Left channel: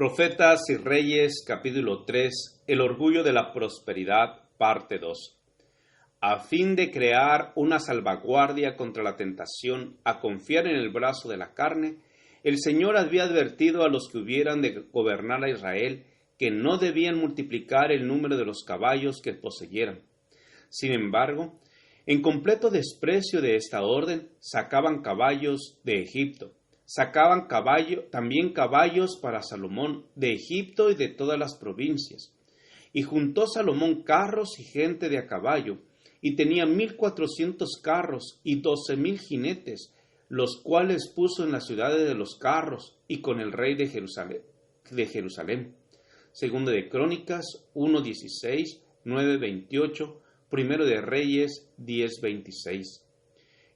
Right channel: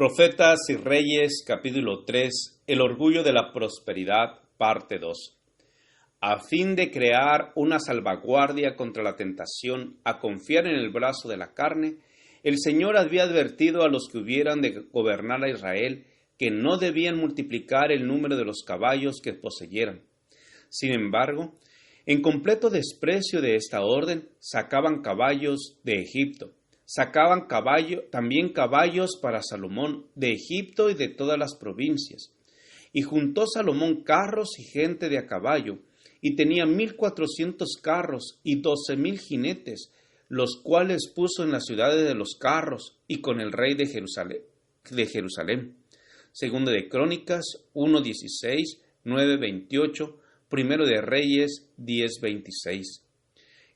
Profetas y Reyes, capítulo 3, el orgullo de la prosperidad, parte 2. A fin de crear una salvaguardia contra la tentación a confiar en el brazo de la carne, el Señor había advertido a los que hubieran de gobernar a Israel que no debían multiplicar el número de los caballos que poseyeran. Sin embargo, en completo desprecio de esta orden, sacaban caballos de Egipto. Sacaban también caballos para Salomón de Egipto y de todas las provincias. Y juntó Salomón carros y gente de a caballo, y tenía 1,400 carros y 12,000 jinetes, los cuales puso en las ciudades de los carros y con el rey de Jerusalén. Segundo de Crónicas 1:16, 9:28, Primero de Reyes 10:26.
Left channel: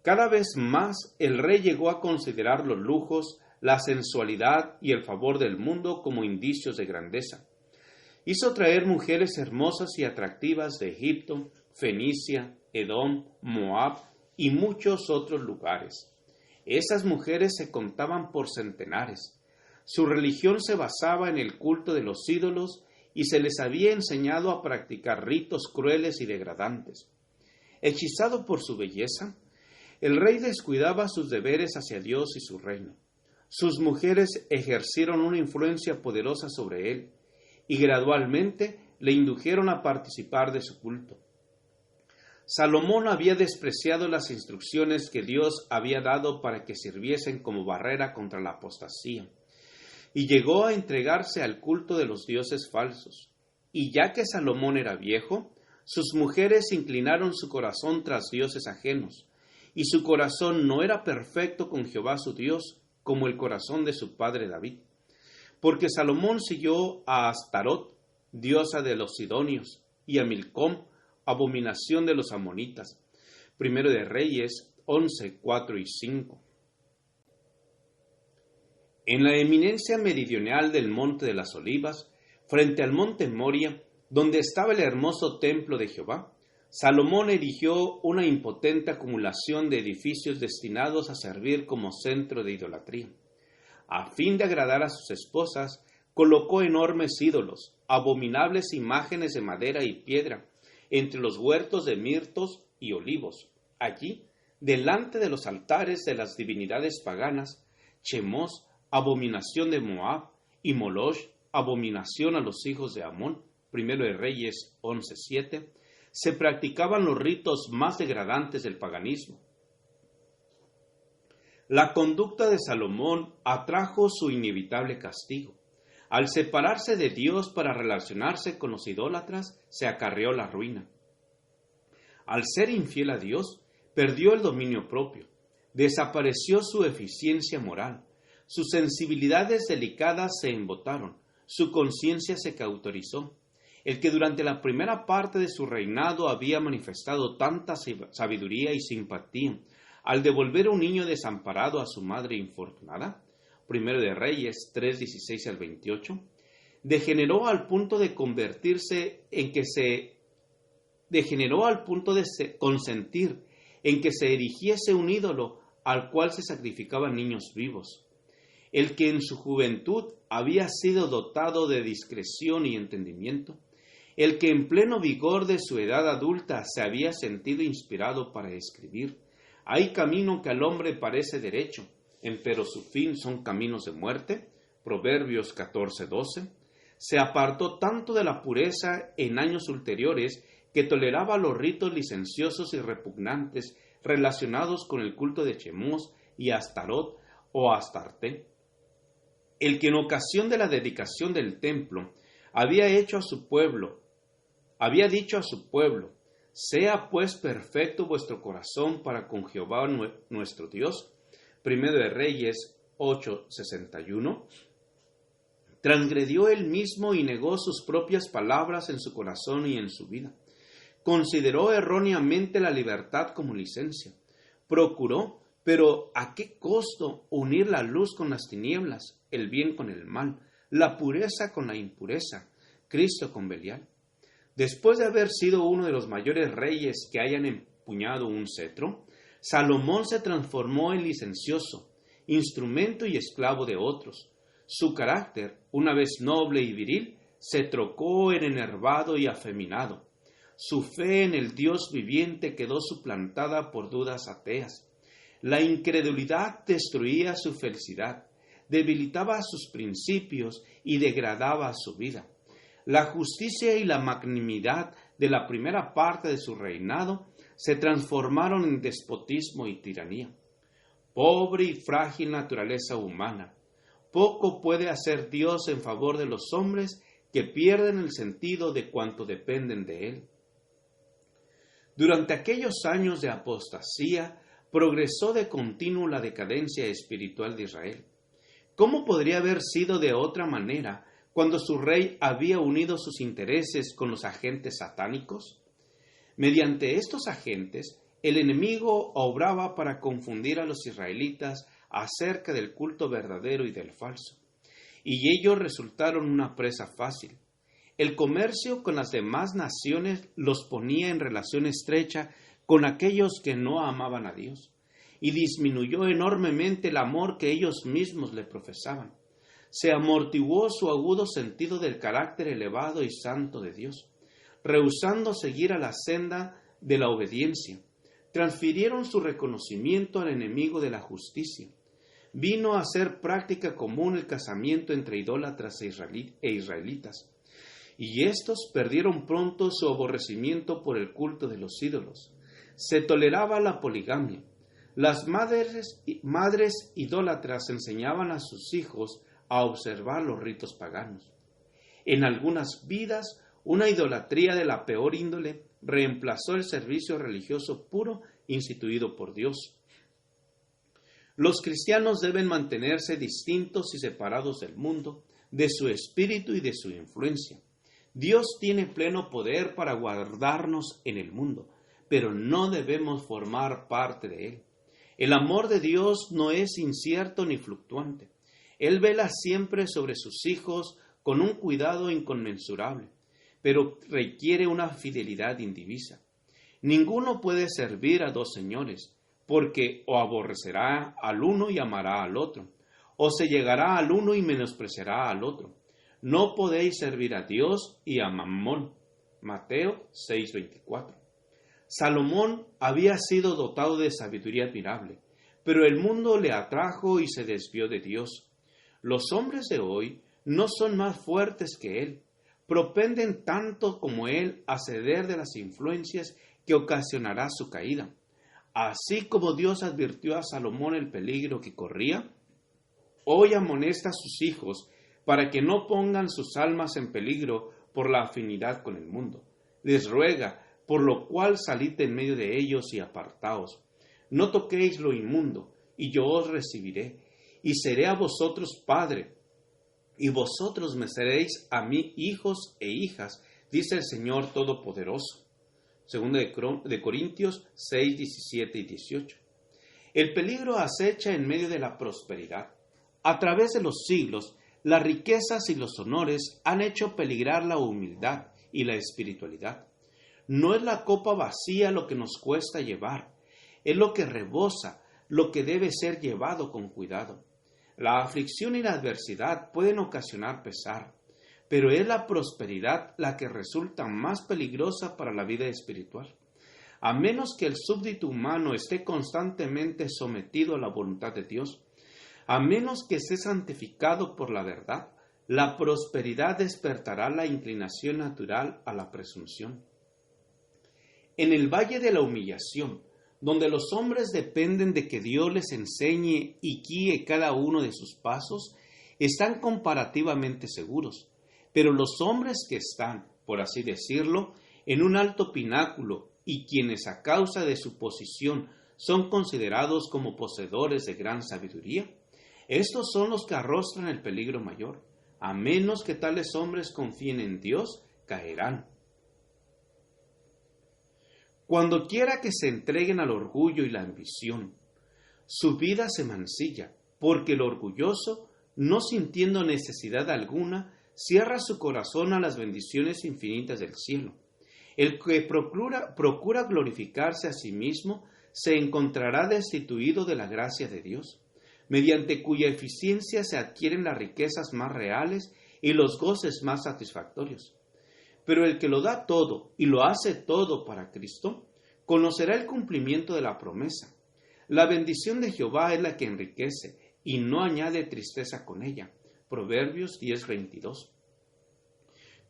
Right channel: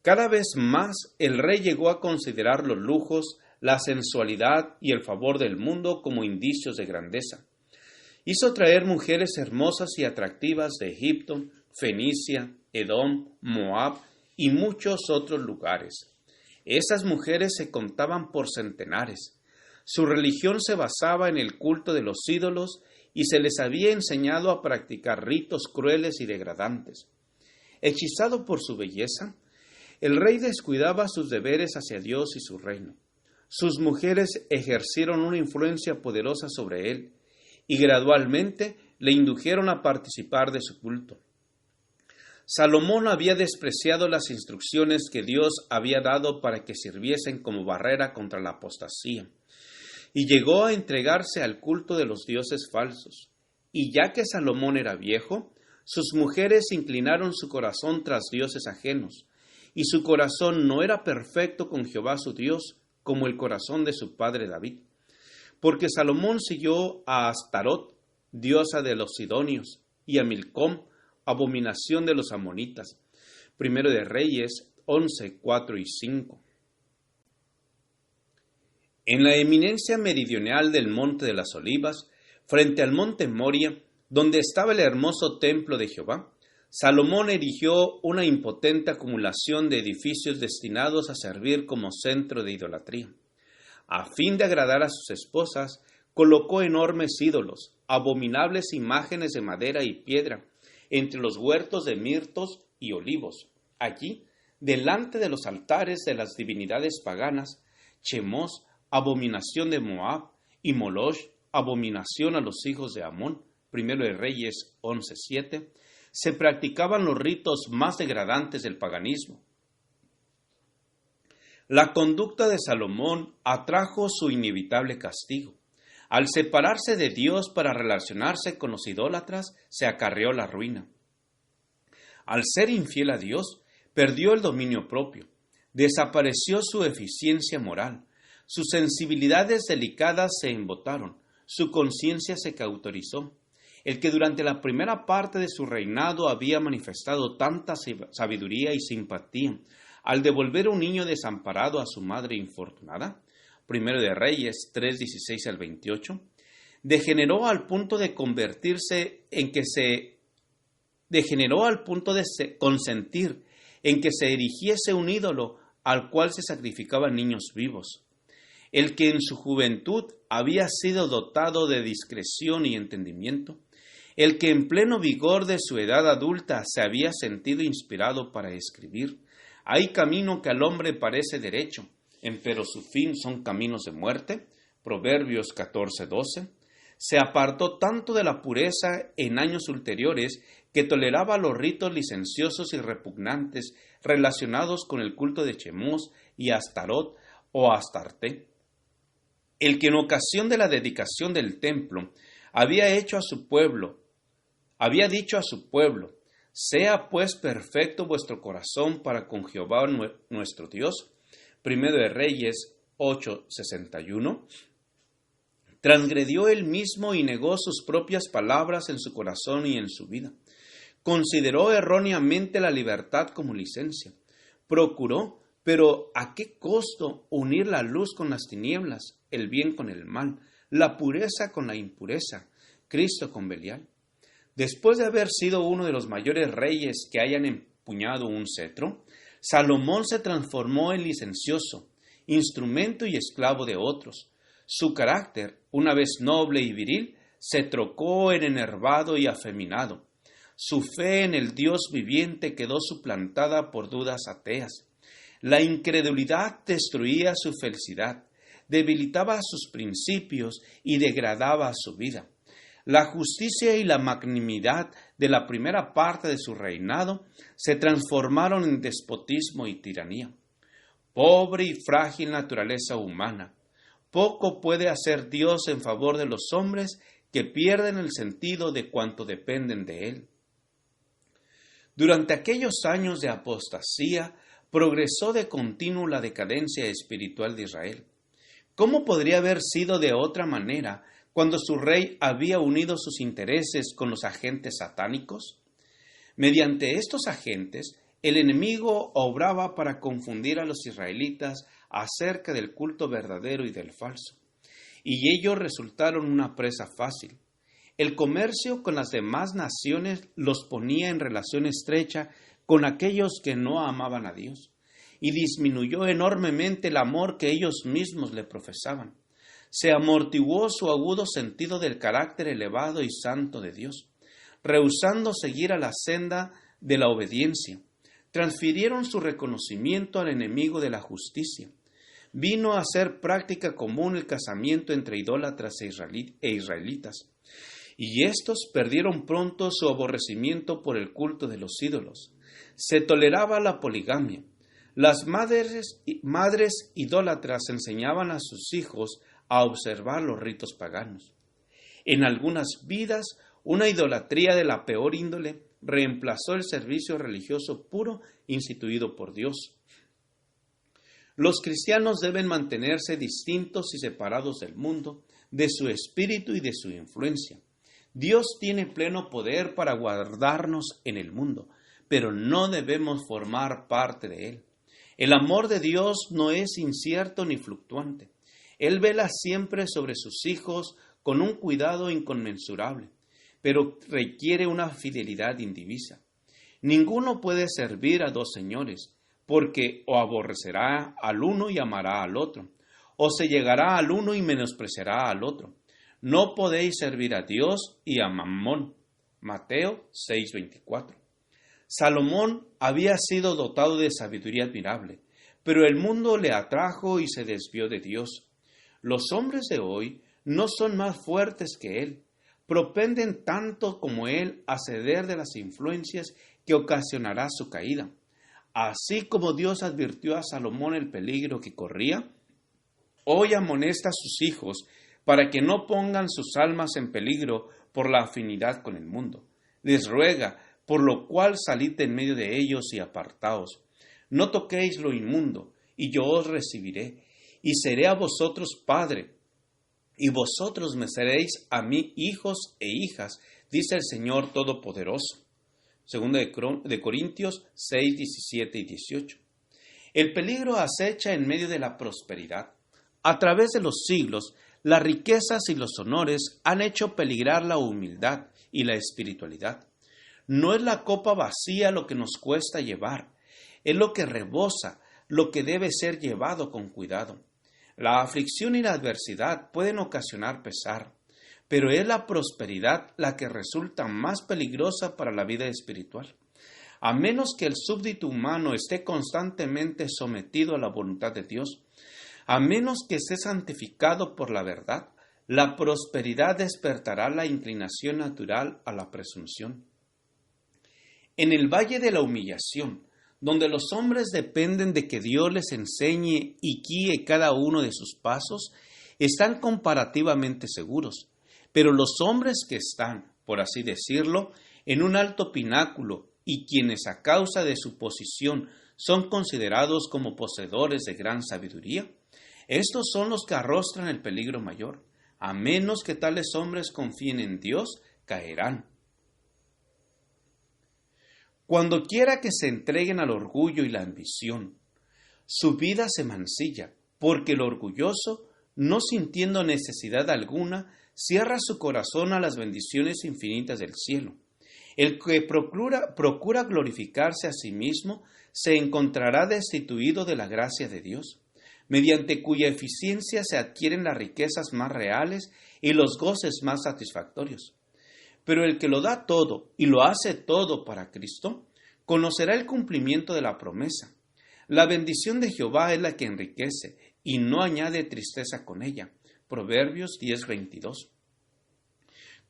Cada vez más el rey llegó a considerar los lujos, la sensualidad y el favor del mundo como indicios de grandeza. Hizo traer mujeres hermosas y atractivas de Egipto, Fenicia, Edom, Moab y muchos otros lugares. Esas mujeres se contaban por centenares. Su religión se basaba en el culto de los ídolos y se les había enseñado a practicar ritos crueles y degradantes. Hechizado por su belleza, el rey descuidaba sus deberes hacia Dios y su reino. Sus mujeres ejercieron una influencia poderosa sobre él y gradualmente le indujeron a participar de su culto. Salomón había despreciado las instrucciones que Dios había dado para que sirviesen como barrera contra la apostasía, y llegó a entregarse al culto de los dioses falsos. Y ya que Salomón era viejo, sus mujeres inclinaron su corazón tras dioses ajenos, y su corazón no era perfecto con Jehová su Dios, como el corazón de su padre David. Porque Salomón siguió a Astarot, diosa de los sidonios, y a Milcom, abominación de los amonitas. Primero de Reyes 11, 4 y 5. En la eminencia meridional del Monte de las Olivas, frente al monte Moria, donde estaba el hermoso templo de Jehová, Salomón erigió una impotente acumulación de edificios destinados a servir como centro de idolatría. A fin de agradar a sus esposas, colocó enormes ídolos, abominables imágenes de madera y piedra, entre los huertos de mirtos y olivos. Allí, delante de los altares de las divinidades paganas, Chemos, abominación de Moab, y Moloch, abominación a los hijos de Amón, Primero de Reyes 11:7, se practicaban los ritos más degradantes del paganismo. La conducta de Salomón atrajo su inevitable castigo. Al separarse de Dios para relacionarse con los idólatras, se acarreó la ruina. Al ser infiel a Dios, perdió el dominio propio, desapareció su eficiencia moral, sus sensibilidades delicadas se embotaron, su conciencia se cauterizó. El que durante la primera parte de su reinado había manifestado tanta sabiduría y simpatía, al devolver un niño desamparado a su madre infortunada, Primero de Reyes 3:16 al 28, degeneró al punto de consentir en que se erigiese un ídolo al cual se sacrificaban niños vivos. El que en su juventud había sido dotado de discreción y entendimiento, el que en pleno vigor de su edad adulta se había sentido inspirado para escribir: hay camino que al hombre parece derecho, empero su fin son caminos de muerte, Proverbios 14:12, se apartó tanto de la pureza en años ulteriores que toleraba los ritos licenciosos y repugnantes relacionados con el culto de Chemos y Astarot o Astarte. El que en ocasión de la dedicación del templo había dicho a su pueblo: sea pues perfecto vuestro corazón para con Jehová nuestro Dios, Primero de Reyes 8:61, transgredió él mismo y negó sus propias palabras en su corazón y en su vida. Consideró erróneamente la libertad como licencia. Procuró, pero ¿a qué costo, unir la luz con las tinieblas, el bien con el mal, la pureza con la impureza, Cristo con Belial? Después de haber sido uno de los mayores reyes que hayan empuñado un cetro, Salomón se transformó en licencioso, instrumento y esclavo de otros. Su carácter, una vez noble y viril, se trocó en enervado y afeminado. Su fe en el Dios viviente quedó suplantada por dudas ateas. La incredulidad destruía su felicidad, debilitaba sus principios y degradaba su vida. La justicia y la magnanimidad de la primera parte de su reinado se transformaron en despotismo y tiranía. Pobre y frágil naturaleza humana, poco puede hacer Dios en favor de los hombres que pierden el sentido de cuanto dependen de Él. Durante aquellos años de apostasía, progresó de continuo la decadencia espiritual de Israel. ¿Cómo podría haber sido de otra manera cuando su rey había unido sus intereses con los agentes satánicos? Mediante estos agentes, el enemigo obraba para confundir a los israelitas acerca del culto verdadero y del falso, y ellos resultaron una presa fácil. El comercio con las demás naciones los ponía en relación estrecha con aquellos que no amaban a Dios, y disminuyó enormemente el amor que ellos mismos le profesaban. Se amortiguó su agudo sentido del carácter elevado y santo de Dios, rehusando seguir a la senda de la obediencia. Transfirieron su reconocimiento al enemigo de la justicia. Vino a ser práctica común el casamiento entre idólatras e israelitas, y éstos perdieron pronto su aborrecimiento por el culto de los ídolos. Se toleraba la poligamia. Las madres idólatras enseñaban a sus hijos a observar los ritos paganos. En algunas vidas, una idolatría de la peor índole reemplazó el servicio religioso puro instituido por Dios. Los cristianos deben mantenerse distintos y separados del mundo, de su espíritu y de su influencia. Dios tiene pleno poder para guardarnos en el mundo, pero no debemos formar parte de él. El amor de Dios no es incierto ni fluctuante. Él vela siempre sobre sus hijos con un cuidado inconmensurable, pero requiere una fidelidad indivisa. Ninguno puede servir a dos señores, porque o aborrecerá al uno y amará al otro, o se llegará al uno y menospreciará al otro. No podéis servir a Dios y a Mamón. Mateo 6:24. Salomón había sido dotado de sabiduría admirable, pero el mundo le atrajo y se desvió de Dios. Los hombres de hoy no son más fuertes que él, propenden tanto como él a ceder de las influencias que ocasionará su caída. Así como Dios advirtió a Salomón el peligro que corría, hoy amonesta a sus hijos para que no pongan sus almas en peligro por la afinidad con el mundo. Les ruega, por lo cual salid en medio de ellos y apartaos. No toquéis lo inmundo, y yo os recibiré, y seré a vosotros padre, y vosotros me seréis a mí hijos e hijas, dice el Señor Todopoderoso. Segunda de Corintios 6, 17 y 18. El peligro acecha en medio de la prosperidad. A través de los siglos, las riquezas y los honores han hecho peligrar la humildad y la espiritualidad. No es la copa vacía lo que nos cuesta llevar, es lo que rebosa, lo que debe ser llevado con cuidado. La aflicción y la adversidad pueden ocasionar pesar, pero es la prosperidad la que resulta más peligrosa para la vida espiritual. A menos que el súbdito humano esté constantemente sometido a la voluntad de Dios, a menos que esté santificado por la verdad, la prosperidad despertará la inclinación natural a la presunción. En el valle de la humillación, donde los hombres dependen de que Dios les enseñe y guíe cada uno de sus pasos, están comparativamente seguros. Pero los hombres que están, por así decirlo, en un alto pináculo y quienes a causa de su posición son considerados como poseedores de gran sabiduría, estos son los que arrostran el peligro mayor. A menos que tales hombres confíen en Dios, caerán. Cuando quiera que se entreguen al orgullo y la ambición, su vida se mancilla, porque el orgulloso, no sintiendo necesidad alguna, cierra su corazón a las bendiciones infinitas del cielo. El que procura glorificarse a sí mismo se encontrará destituido de la gracia de Dios. mediante cuya eficiencia se adquieren las riquezas más reales y los goces más satisfactorios. Pero el que lo da todo y lo hace todo para Cristo, conocerá el cumplimiento de la promesa. La bendición de Jehová es la que enriquece y no añade tristeza con ella. Proverbios 10:22.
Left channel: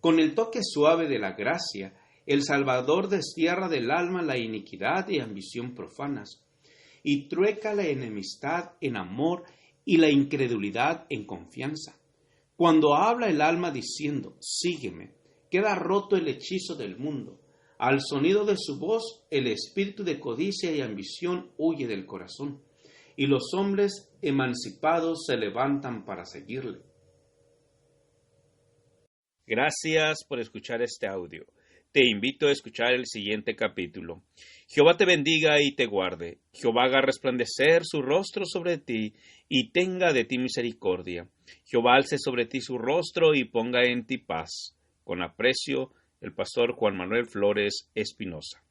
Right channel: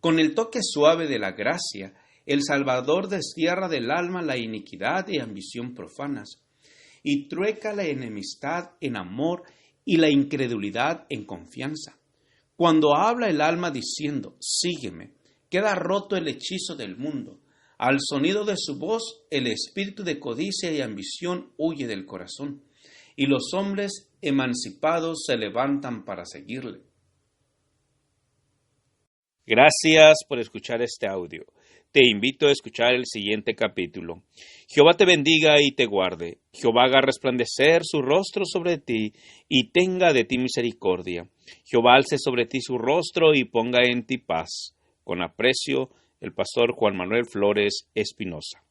Con el toque suave de la gracia, el Salvador destierra del alma la iniquidad y ambición profanas, y trueca la enemistad en amor y la incredulidad en confianza. Cuando habla el alma diciendo, sígueme, queda roto el hechizo del mundo. Al sonido de su voz, el espíritu de codicia y ambición huye del corazón, y los hombres emancipados se levantan para seguirle. Gracias por escuchar este audio. Te invito a escuchar el siguiente capítulo. Jehová te bendiga y te guarde. Jehová haga resplandecer su rostro sobre ti y tenga de ti misericordia. Jehová alce sobre ti su rostro y ponga en ti paz. Con aprecio, el pastor Juan Manuel Flores Espinosa.